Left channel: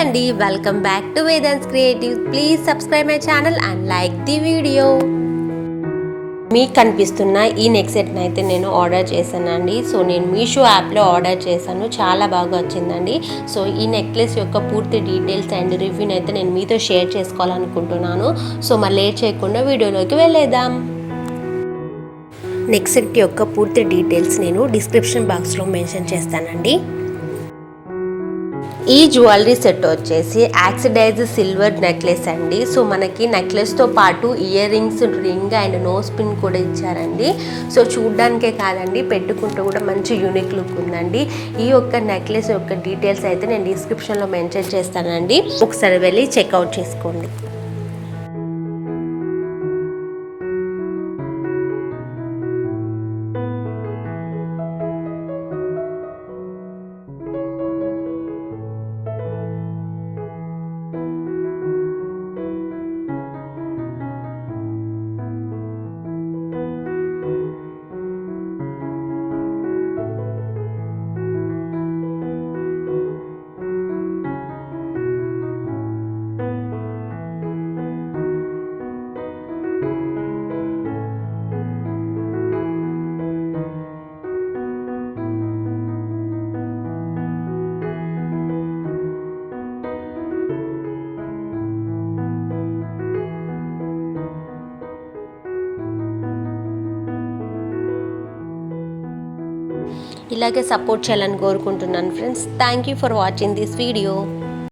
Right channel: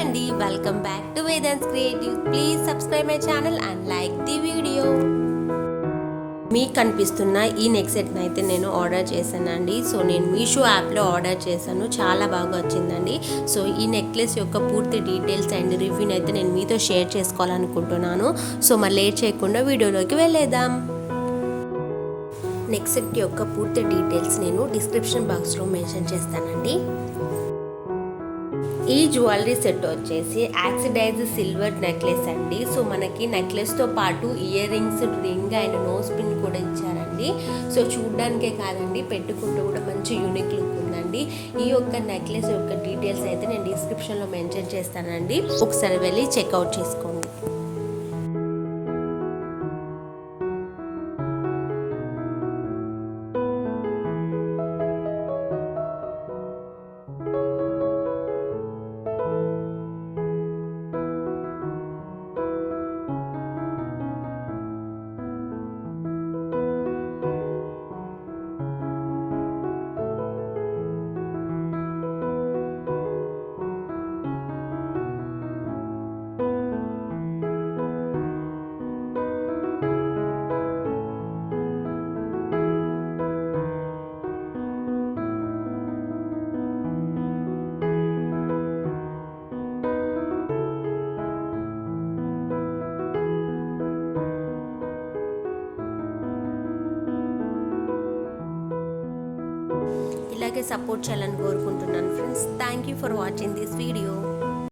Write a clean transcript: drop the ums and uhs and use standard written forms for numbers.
అండి, welcome back to Vedant creative. Please subscribe my channel and like the video. మీకు కనిపిస్తున్న ఈ నెక్ సెట్ని అయితే నేను ఆర్డర్ చేశానండి. సో నేను మీషో యాప్లో ఆర్డర్ చేశాను, చాలా బాగా వచ్చిందండి. సో ఈ నెక్లెస్ యొక్క పూర్తి డీటెయిల్స్ అండ్ రివ్యూని అయితే నేను మీతో షేర్ చేసుకోవాలనుకుంటున్నాను. సో మరి లేట్ చేయకుండా వీడియోలోకి వెళ్ళేద్దాం. నెక్ సెట్ యొక్క పూర్తి డీటెయిల్స్ నేను డిస్క్రిప్షన్ బాక్స్లో మెన్షన్ చేస్తానండి. ఈ జ్యువెలరీ సెట్ వచ్చేసి ఆక్సిడైజ్ సిల్వర్ నెక్లెస్ అండి. సో మనకి నెక్లెస్తో పాటు earrings, ring and nose pin కూడా ఇచ్చారండి. సో చూడ్డానికే కాదండి, పెట్టుకుంటూ కూడా మంచి యూనిక్ లుక్ ఉందండి. ఈ యొక్క నెక్లెస్ యొక్క డీటెయిల్స్ అయితే నేను డిస్క్రిప్షన్లో మెన్షన్ చేస్తానండి, ఒకసారి వెళ్ళి చెక్అవుట్ చేసుకోండి. ఇలాగే సపోర్ట్ చేయాలని కోరుకుంటున్నాను friends. Thank you for watching this video.